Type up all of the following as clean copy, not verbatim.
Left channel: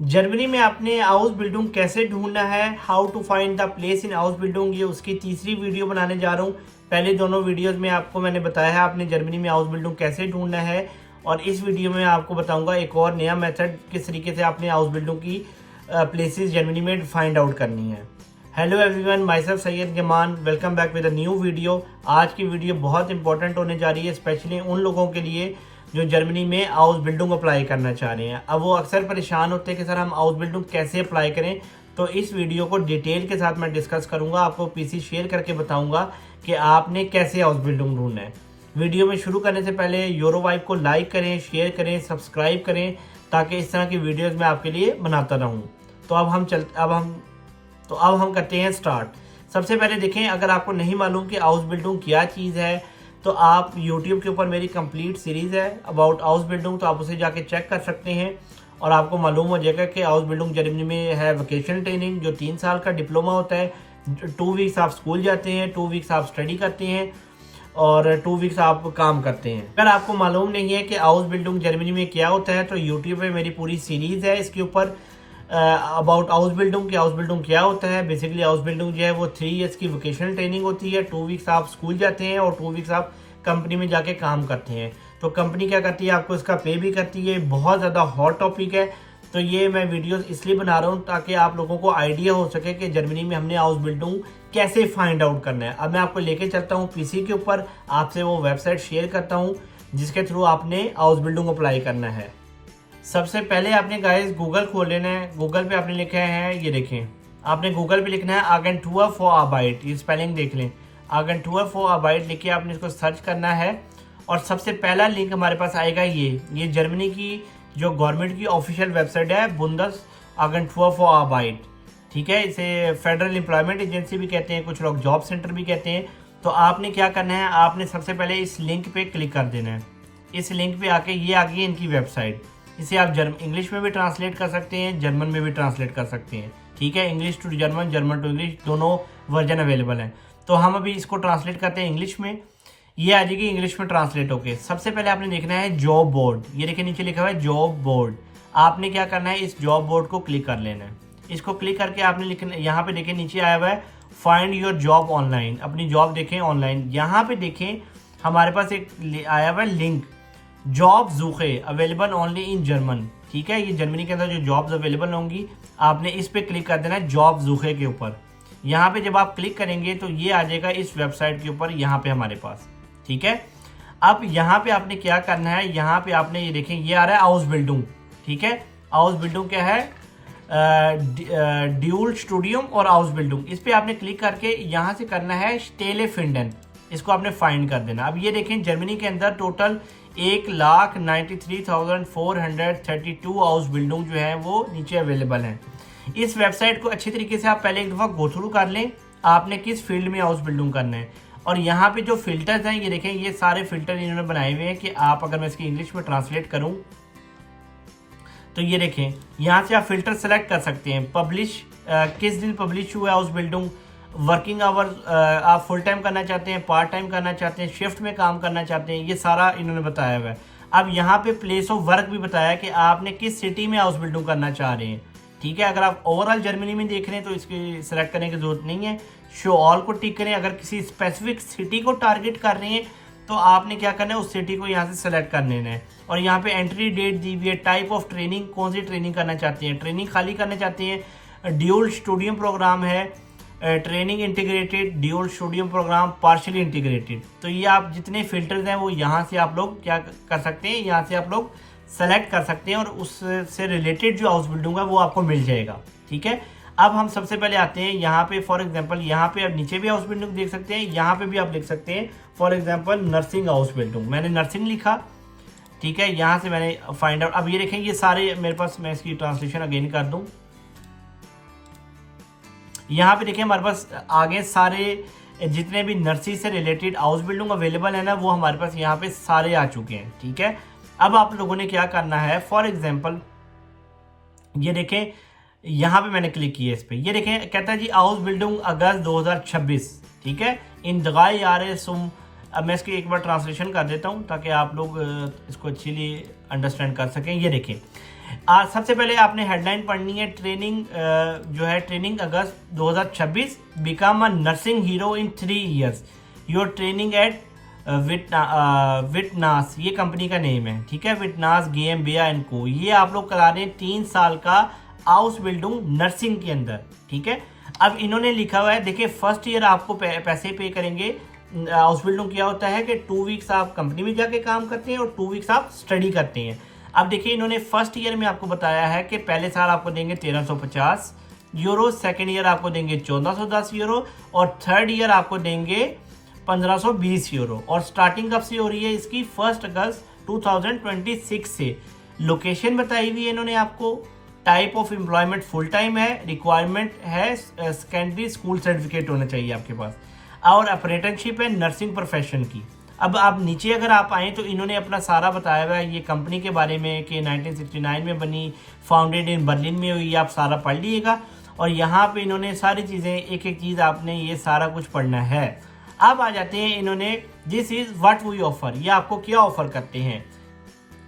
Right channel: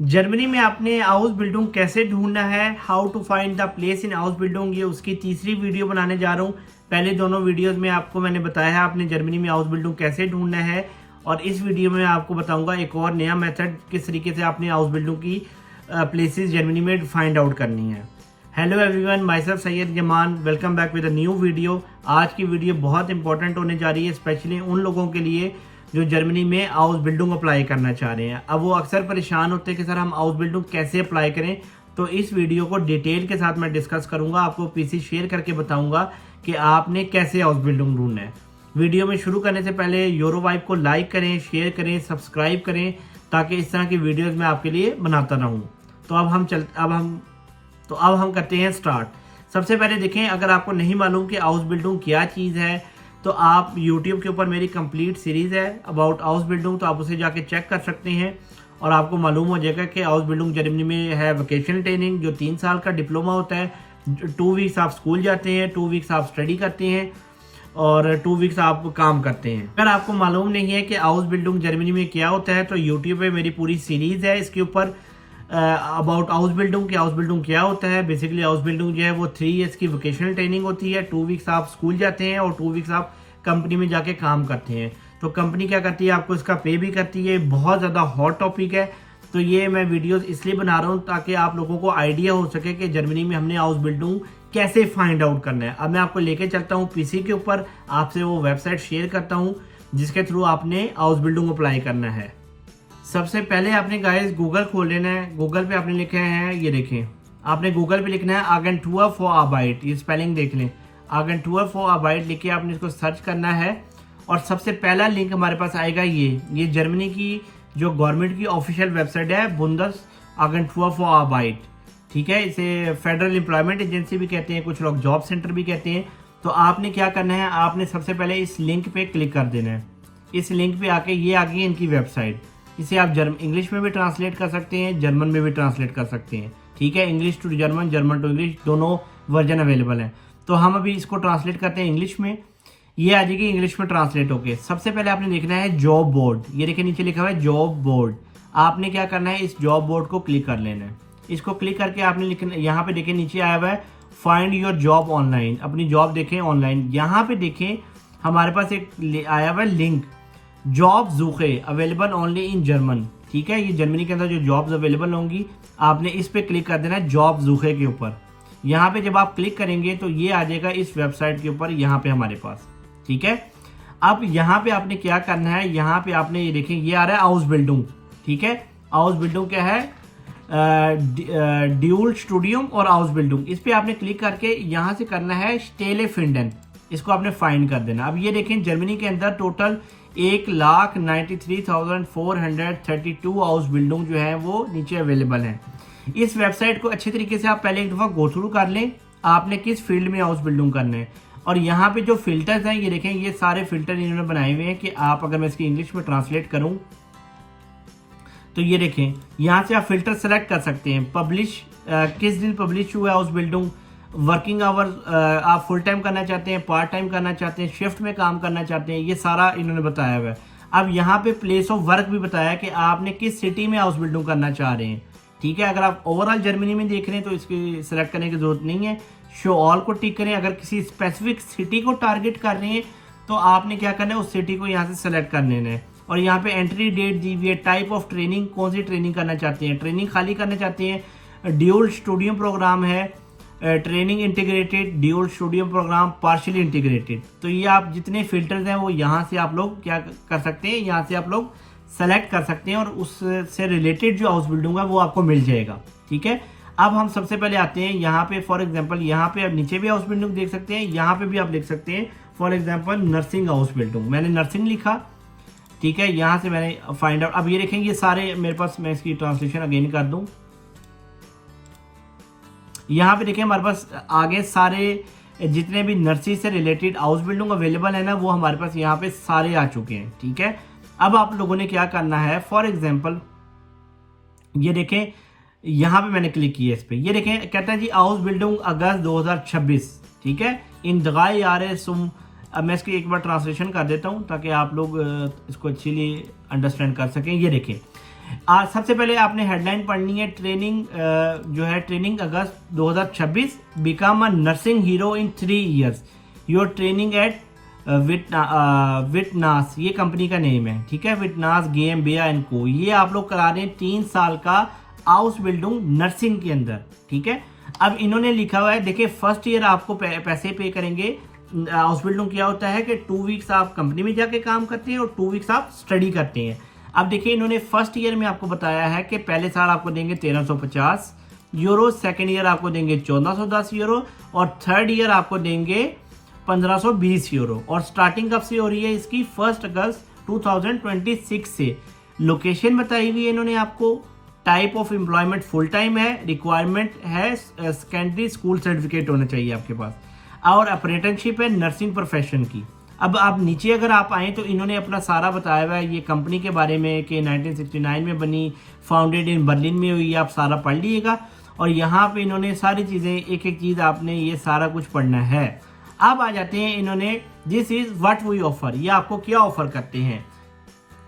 Germany में आपने house building कैसे ढूंढना है, how to find the place in house building, ये उसकी तीसरी वीडियो बनाने जा रहा हूँ। पहले दोनों वीडियोस में आपको मैंने बताया है आपने जर्मनी में हाउस बिल्डिंग कैसे ढूंढना है, और इस वीडियो में आपको बताऊंगा एक और नया मेथड किस तरीके से आपने हाउस बिल्डिंग की प्लेसेस जर्मनी में फाइंड आउट करनी है। Hello everyone, my self Syed Zaman, welcome back with a new video. आज की वीडियो बहुत इंपॉर्टेंट होने जा रही है, स्पेशली उन लोगों के लिए जो जर्मनी में हाउस बिल्डिंग अप्लाई करना चाह रहे हैं। अब वो अक्सर परेशान होते हैं कि सर हम हाउस बिल्डिंग कैसे अप्लाई करें, तो इस वीडियो को डिटेल के साथ मैं डिस्कस करूंगा, आपको पीसी शेयर करके बताऊंगा कि आपने कैसे हाउस बिल्डिंग ढूंढना है। वीडियो में शुरू करने से पहले यूरो वाइब को लाइक करें, शेयर करें, सब्सक्राइब करें, ताकि इस तरह की वीडियोज मैं आपके लिए बनाता रहूँ। तो अब हम करते हैं स्टार्ट। सबसे पहले देखें, अगर आपको नहीं मालूम कि हाउस बिल्डिंग क्या चीज़ है, तो आप YouTube के ऊपर मेरी कंप्लीट सीरीज़ है अबाउट हाउस बिल्डिंग, तो आप उसे जाके चेक कर सकते हैं और आपको मालूम हो जाएगा कि हाउस बिल्डिंग जर्मनी में है वोकेशनल ट्रेनिंग, जो 3 साल का डिप्लोमा होता है। 2 वीक्स आप स्कूल जाते हैं, 2 वीक्स आप स्टडी करते हैं और 2 वीक्स आप काम करते हैं। अगर आपको मालूम नहीं है कि हाउस बिल्डिंग जर्मनी में क्या होता है, तो यूट्यूब पे मेरी पूरी सीरीज़ है इसके ऊपर about house building, house building क्या होता है। बेसिकली हाउस बिल्डिंग जो है वो 3 ईयर्स की वोकेशनल ट्रेनिंग होती है। 2 वीक्स आप स्कूल जाते हैं और 2 वीक्स आप कंपनी में जाके काम करते हैं। तो कंपनी क्या करती है, आपको इसका पे भी करती है। बहुत ज़्यादा हॉट टॉपिक है, तो ये मैं वीडियोस इसलिए बना रहा हूँ ताकि आप लोगों को आइडिया हो सके कि जर्मनी में हमने हाउस बिल्डिंग कैसे फाइंड आउट करना है। अब मैं आपको लेके चलता हूँ पीसी के ऊपर, आपसे वो वेबसाइट शेयर करता हूँ जिसके थ्रू आपने हाउस बिल्डिंग अप्लाई करना है। सबसे पहले आपने गाइस गूगल खोल लेना है। गूगल पे आपने लिखा है, ये देखें, आपने गूगल पे लिखना है आगेंटुर फॉर आर्बाइट, ये स्पेलिंग देख लें, आगेंटुर फॉर आर्बाइट लिख के आपने इसको सर्च करना है और सबसे पहला लिंक हमारे पास आएगा ये जर्मनी की जो गवर्नमेंट की ऑफिशियल वेबसाइट है, बुंदस आगेंटुर फॉर आर्बाइट। ठीक है, इसे फेडरल एम्प्लॉयमेंट एजेंसी भी कहते हैं, कुछ लोग जॉब सेंटर भी कहते हैं। तो आपने क्या करना है, आपने सबसे पहले इस लिंक पे क्लिक कर देना है। इस लिंक पे आके ये आ गई इनकी वेबसाइट। इसे आप इंग्लिश में भी ट्रांसलेट कर सकते हैं, जर्मन में भी ट्रांसलेट कर सकते हैं। ठीक है, English to German, German to English, दोनों वर्जन अवेलेबल हैं। तो हम अभी इसको ट्रांसलेट करते हैं इंग्लिश में। ये आ जाएगी इंग्लिश में ट्रांसलेट होके। सबसे पहले आपने देखना है जॉब बोर्ड, ये देखिए नीचे लिखा हुआ है जॉब बोर्ड। आपने क्या करना है, इस जॉब बोर्ड को क्लिक कर लेना है। इसको क्लिक करके आपने लिखना, यहाँ पे देखें नीचे आया हुआ है फाइंड योर जॉब ऑनलाइन, अपनी जॉब देखें ऑनलाइन। यहाँ पे देखें हमारे पास एक आया हुआ है लिंक, जॉब ज़ूखे अवेलेबल ओनली इन जर्मन। ठीक है, ये जर्मनी के अंदर जो जॉब्स अवेलेबल होंगी, आपने इस पे क्लिक कर देना है जॉब ज़ूखे के ऊपर। यहाँ पे जब आप क्लिक करेंगे तो ये आ जाएगा इस वेबसाइट के ऊपर, यहाँ पे हमारे पास। ठीक है, अब यहाँ पे आपने क्या करना है, यहाँ पे आपने ये देखें ये आ रहा है हाउस बिल्डिंग। ठीक है, हाउस बिल्डिंग क्या है, ड्यूल स्टूडियम और हाउस बिल्डिंग। इस पे आपने क्लिक करके यहाँ से करना है स्टेले फिंडन, इसको आपने फाइंड कर देना। अब ये देखें जर्मनी के अंदर टोटल 1,93,432 हाउस बिल्डिंग जो है वो नीचे अवेलेबल हैं। इस वेबसाइट को अच्छी तरीके से आप पहले एक दफ़ा गो थ्रू कर लें, आपने किस फील्ड में हाउस बिल्डिंग करना है। और यहाँ पे जो फिल्टर्स हैं, ये देखें ये सारे फिल्टर इन्होंने बनाए हुए हैं कि आप, अगर मैं इसकी इंग्लिश में ट्रांसलेट करूँ तो ये देखें यहाँ से आप फिल्टर सेलेक्ट कर सकते हैं। पब्लिश, किस दिन पब्लिश हुआ है हाउस बिल्डिंग, वर्किंग आवर, आप फुल टाइम करना चाहते हैं, पार्ट टाइम करना चाहते हैं, शिफ्ट में काम करना चाहते हैं, ये सारा इन्होंने बताया हुआ है। अब यहाँ पे प्लेस ऑफ वर्क भी बताया है कि आपने किस सिटी में हाउस बिल्डिंग करना चाह रहे हैं। ठीक है, अगर आप ओवरऑल जर्मनी में देख रहे हैं तो इसकी सेलेक्ट करने की जरूरत नहीं है, शो ऑल को टिक करें। अगर किसी स्पेसिफिक सिटी को टारगेट कर रहे हैं तो आपने क्या करना है, उस सिटी को यहाँ से सेलेक्ट कर लेना है। और यहाँ पे एंट्री डेट दी हुई है, टाइप ऑफ ट्रेनिंग, कौन सी ट्रेनिंग करना चाहते हैं, ट्रेनिंग खाली करना चाहते हैं, ड्यूल स्टूडियम प्रोग्राम है, training integrated, dual studium program, partially integrated. तो ये आप जितने फिल्टर्स हैं वो यहाँ से आप लोग क्या कर सकते हैं, यहाँ से आप लोग सेलेक्ट कर सकते हैं और उससे रिलेटेड जो हाउस बिल्डिंग है वो आपको मिल जाएगा। ठीक है, अब हम सबसे पहले आते हैं यहाँ पे, फॉर एग्जांपल यहाँ पे आप नीचे भी हाउस बिल्डिंग देख सकते हैं, यहाँ पे भी आप लिख सकते हैं for example nursing house building. मैंने नर्सिंग लिखा, ठीक है, यहाँ से मैंने फाइंड आउट। अब ये देखें ये सारे मेरे पास, मैं इसकी ट्रांसलेशन अगेन कर दूँ, यहाँ पे देखें हमारे पास आगे सारे जितने भी नर्सिंग से रिलेटेड हाउस बिल्डिंग अवेलेबल है ना, वो हमारे पास यहाँ पे सारे आ चुके हैं। ठीक है, अब आप लोगों ने क्या करना है, फॉर एग्जांपल ये देखें यहाँ पे मैंने क्लिक किया इस पे, ये देखें कहता है जी हाउस बिल्डिंग अगस्त 2026। ठीक है, इन दगाई आ रहे सुम। अब मैं इसकी एक बार ट्रांसलेशन कर देता हूँ ताकि आप लोग इसको अच्छी अंडरस्टैंड कर सकें। ये देखें आज सबसे पहले आपने हेडलाइन पढ़नी है, ट्रेनिंग जो है training August 2026, become a nursing hero in 3 years, your training at Vitanas, ये कंपनी का नेम है, ठीक है, विटनास GmbH एंड को। ये आप लोग करा रहे हैं 3 साल का हाउस बिल्डिंग नर्सिंग के अंदर, ठीक है। अब इन्होंने लिखा हुआ है, देखिए फर्स्ट ईयर आपको पैसे पे करेंगे। हाउस बिल्डिंग क्या होता है कि 2 वीक्स आप कंपनी में जाके काम करते हैं और 2 वीक्स आप स्टडी करते हैं। अब देखिए इन्होंने फर्स्ट ईयर में आपको बताया है कि पहले साल आपको देंगे 1350 यूरो, सेकेंड ईयर आपको देंगे 1410 यूरो और थर्ड ईयर आपको देंगे 1520 यूरो। और स्टार्टिंग कब से हो रही है इसकी? 1 अगस्त 2026 से। लोकेशन बताई हुई है इन्होंने आपको। Type of employment full time है, रिक्वायरमेंट है सेकेंडरी स्कूल सर्टिफिकेट होना चाहिए आपके पास, और अप्रेंटिसशिप है नर्सिंग प्रोफेशन की। अब आप नीचे अगर आप आएँ तो इन्होंने अपना सारा बताया हुआ है ये कंपनी के बारे में कि 1969 में बनी, फाउंडेड इन बर्लिन में हुई, आप सारा पढ़ लीजिएगा। और यहाँ पे इन्होंने सारी चीज़ें एक एक चीज़ आपने ये सारा कुछ पढ़ना है। अब आ जाते हैं इन्होंने, this is what we offer, ये आपको क्या ऑफर करते हैं?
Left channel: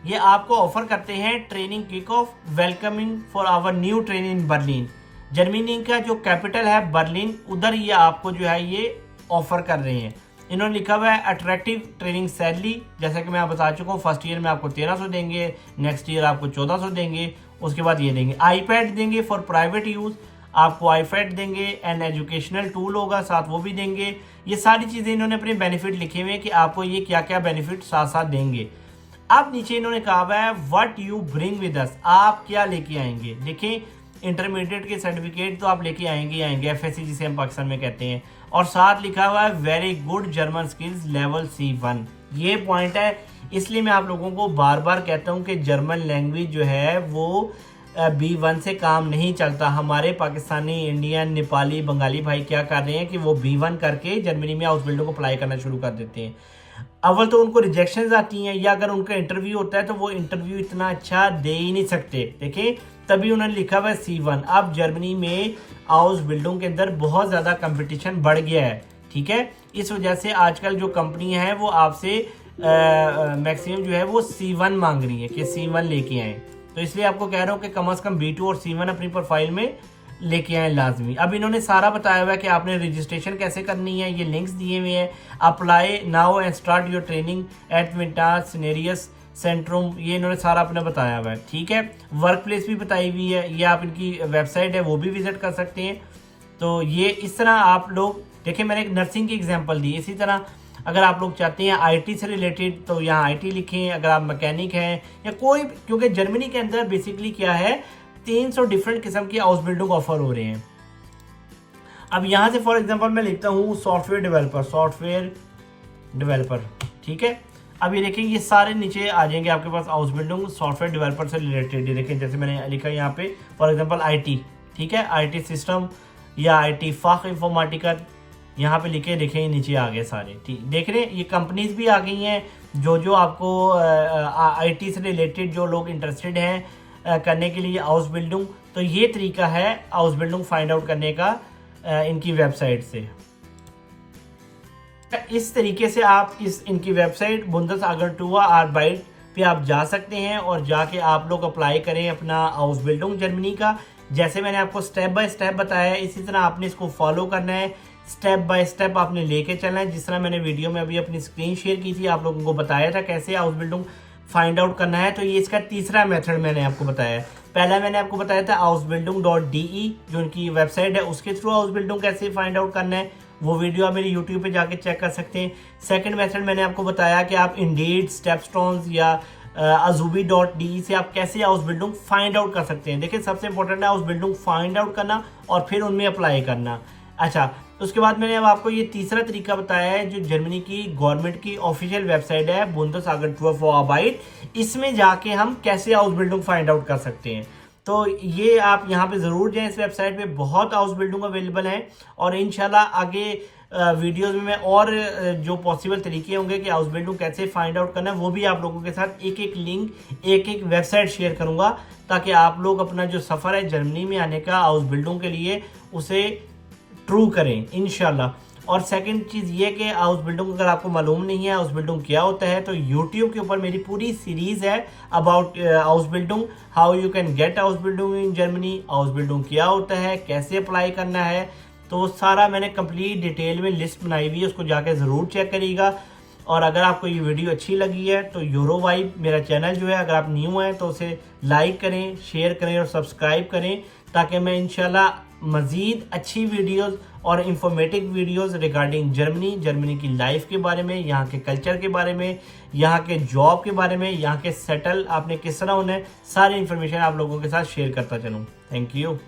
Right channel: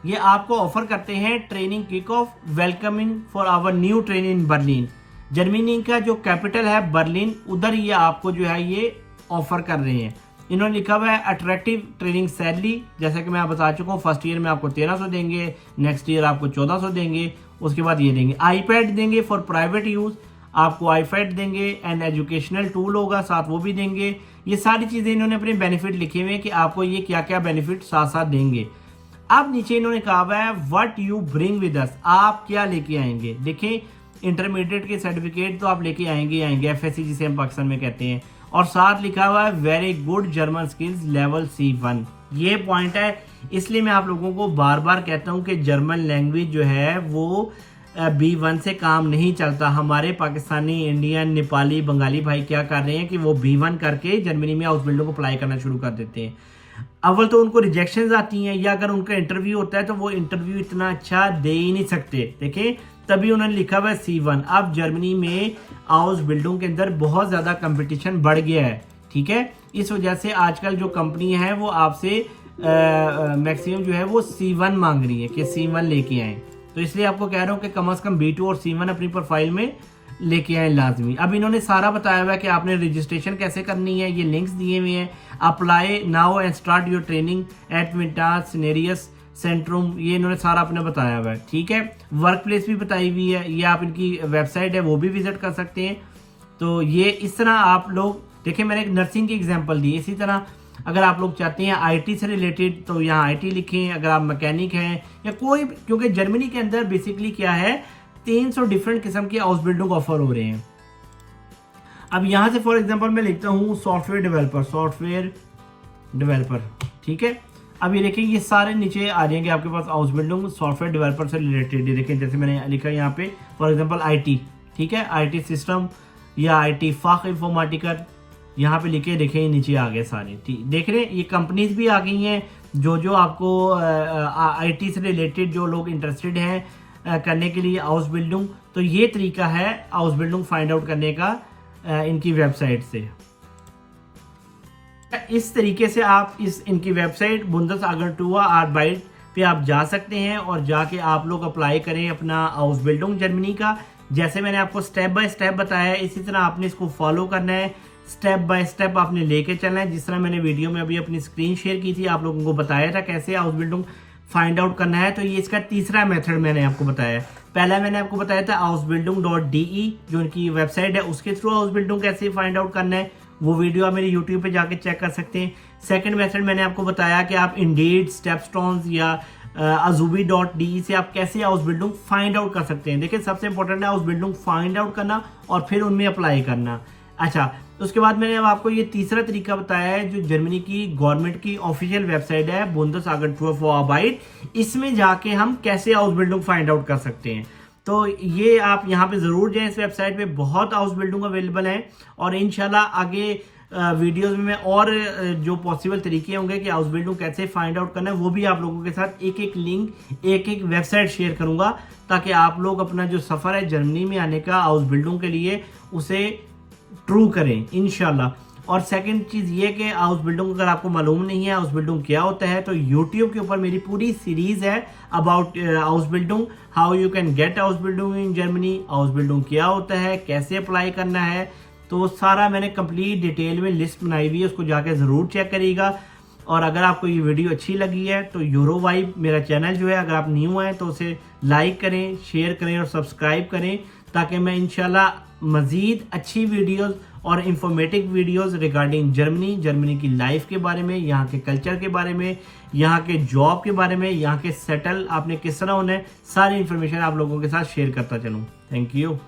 ये आपको ऑफर करते हैं training kick off, welcoming for our new training in Berlin. Germany का जो कैपिटल है बर्लिन, उधर ये आपको जो है ये ऑफर कर रहे हैं। इन्होंने लिखा हुआ है अट्रैक्टिव ट्रेनिंग सैलरी, जैसा कि मैं बता चुका हूँ, फर्स्ट ईयर में आपको 1300 देंगे, नेक्स्ट ईयर आपको 1400 देंगे, उसके बाद ये देंगे आईपैड देंगे फॉर प्राइवेट यूज, आपको आईपैड देंगे एंड एजुकेशनल टूल होगा साथ, वो भी देंगे। ये सारी चीज़ें इन्होंने अपने बेनिफिट लिखे हुए हैं कि आपको ये क्या क्या बेनिफिट साथ साथ देंगे। अब नीचे इन्होंने कहा हुआ है what you bring with us, आप क्या लेके आएंगे। देखें इंटरमीडिएट के सर्टिफिकेट तो आप लेके आएंगे FSC जिसे हम पाकिस्तान में कहते हैं, और साथ लिखा हुआ है very good German skills level C1। ये पॉइंट है, इसलिए मैं आप लोगों को बार बार कहता हूँ कि जर्मन लैंग्वेज जो है वो B1 से काम नहीं चलता। हमारे पाकिस्तानी, इंडियन, नेपाली, बंगाली भाई क्या कर रहे हैं कि वो B1 करके जर्मनी में हाउस बिल्डर को अप्लाई करना शुरू कर देते हैं। अव्वल तो उनको रिजेक्शंस आती हैं, या अगर उनका इंटरव्यू होता है तो वो इंटरव्यू इतना अच्छा दे ही नहीं सकते। देखें तभी उन्होंने लिखा हुआ है C1। अब जर्मनी में हाउस बिल्डिंग के अंदर बहुत ज़्यादा कंपटीशन बढ़ गया है, ठीक है। इस वजह से आजकल जो कंपनी है वो आपसे मैक्सिमम जो है वो C1 मांग रही है कि C1 लेके आए। तो इसलिए आपको कह रहा हूँ कि कम से कम B2 और C1 अपनी प्रोफाइल में लेके आए लाजमी। अब इन्होंने सारा बताया हुआ है कि आपने रजिस्ट्रेशन कैसे करनी है, ये लिंक्स दिए हुए हैं। Apply now and start your training at विंटास सिनेरियस सेंट्रूम, ये इन्होंने सारा अपने बताया हुआ है, ठीक है। वर्क प्लेस भी बताई हुई है, ये आप इनकी वेबसाइट है वो भी विजिट कर सकते हैं। तो ये इस तरह आप लोग देखें, मैंने एक नर्सिंग की एग्जांपल दी, इसी तरह अगर आप लोग चाहते हैं IT से रिलेटेड तो यहाँ IT लिखें। अगर आप मैकेनिक हैं या कोई, क्योंकि जर्मनी के अंदर बेसिकली क्या है 300 डिफरेंट किस्म के हाउस बिल्डिंग ऑफर हो रहे हैं। अब यहाँ से फॉर एग्जांपल मैं लिखता हूँ सॉफ्टवेयर डेवलपर, ठीक है। अब ये देखें ये सारे नीचे आ जाएंगे आपके पास हाउस बिल्डिंग सॉफ्टवेयर डेवलपर से रिलेटेड। ये देखें जैसे मैंने लिखा यहाँ पे फॉर एग्जांपल IT, ठीक है, IT सिस्टम या IT फाख इंफॉर्मेटिका, यहाँ पे लिखे देखें नीचे आ गए सारे, ठीक। देख रहे हैं ये कंपनीज भी आ गई हैं जो आपको IT से रिलेटेड जो लोग इंटरेस्टेड हैं करने के लिए हाउस बिल्डिंग। तो ये तरीका है हाउस बिल्डिंग फाइंड आउट करने का इनकी वेबसाइट से। इस तरीके से आप इनकी वेबसाइट बुंदेसआगेंटूर आर्बाइट पे आप जा सकते हैं और जाके आप लोग अप्लाई करें अपना हाउस बिल्डिंग जर्मनी का। जैसे मैंने आपको स्टेप बाय स्टेप बताया है, इसी तरह आपने इसको फॉलो करना है, स्टेप बाय स्टेप आपने लेके चलना है। जिस तरह मैंने वीडियो में अभी अपनी स्क्रीन शेयर की थी, आप लोगों को बताया था कैसे हाउस बिल्डिंग फाइंड आउट करना है। तो ये इसका तीसरा मेथड मैंने आपको बताया है। पहला मैंने आपको बताया था housebuilding.de जो उनकी वेबसाइट है, उसके थ्रू हाउस बिल्डिंग कैसे फाइंड आउट करना है, वो वीडियो आप मेरे यूट्यूब पे जाके चेक कर सकते हैं। सेकंड मेथड मैंने आपको बताया कि आप इंडीड, स्टेपस्टोन्स या azubi.de से आप कैसे हाउस बिल्डिंग फाइंड आउट कर सकते हैं। देखिए सबसे इंपॉर्टेंट है हाउस बिल्डिंग फाइंड आउट करना और फिर उनमें अप्लाई करना। अच्छा, उसके बाद मैंने अब आपको ये तीसरा तरीका बताया है जो जर्मनी की गवर्नमेंट की ऑफिशियल वेबसाइट है बुंदेसआगेंटूर फॉर आर्बाइट, इसमें जाके हम कैसे हाउस बिल्डिंग फाइंड आउट कर सकते हैं। तो ये आप यहाँ पे ज़रूर जाएं, इस वेबसाइट पे बहुत हाउस बिल्डिंग अवेलेबल है और इंशाल्लाह आगे वीडियोस में और जो पॉसिबल तरीके होंगे कि हाउस बिल्डिंग कैसे फाइंड आउट करना है वो भी आप लोगों के साथ एक एक लिंक, एक एक वेबसाइट शेयर करूंगा ताकि आप लोग अपना जो सफ़र है जर्मनी में आने का हाउस बिल्डिंग के लिए उसे ट्रू करें इंशाल्लाह। और सेकंड चीज़ ये कि हाउस बिल्डिंग अगर आपको मालूम नहीं है हाउस बिल्डिंग क्या होता है तो यूट्यूब के ऊपर मेरी पूरी सीरीज़ है about Ausbildung, how you can get Ausbildung in Germany, Ausbildung क्या होता है, कैसे अप्लाई करना है। तो सारा मैंने कंप्लीट डिटेल में लिस्ट बनाई हुई है, उसको जाके ज़रूर चेक करिएगा। और अगर आपको ये वीडियो अच्छी लगी है तो यूरो वाइब मेरा चैनल जो है, अगर आप न्यू हैं तो उसे लाइक करें, शेयर करें और सब्सक्राइब करें, ताकि मैं इंशाल्लाह मज़ीद अच्छी वीडियोस और इंफॉर्मेटिव वीडियोस रिगार्डिंग जर्मनी की लाइफ के बारे में, यहाँ के कल्चर के बारे में, यहाँ के जॉब के बारे में, यहाँ के सेटल आपने किस तरह होना है, सारी इन्फॉर्मेशन आप लोगों के साथ शेयर करता चलूँ। Thank you.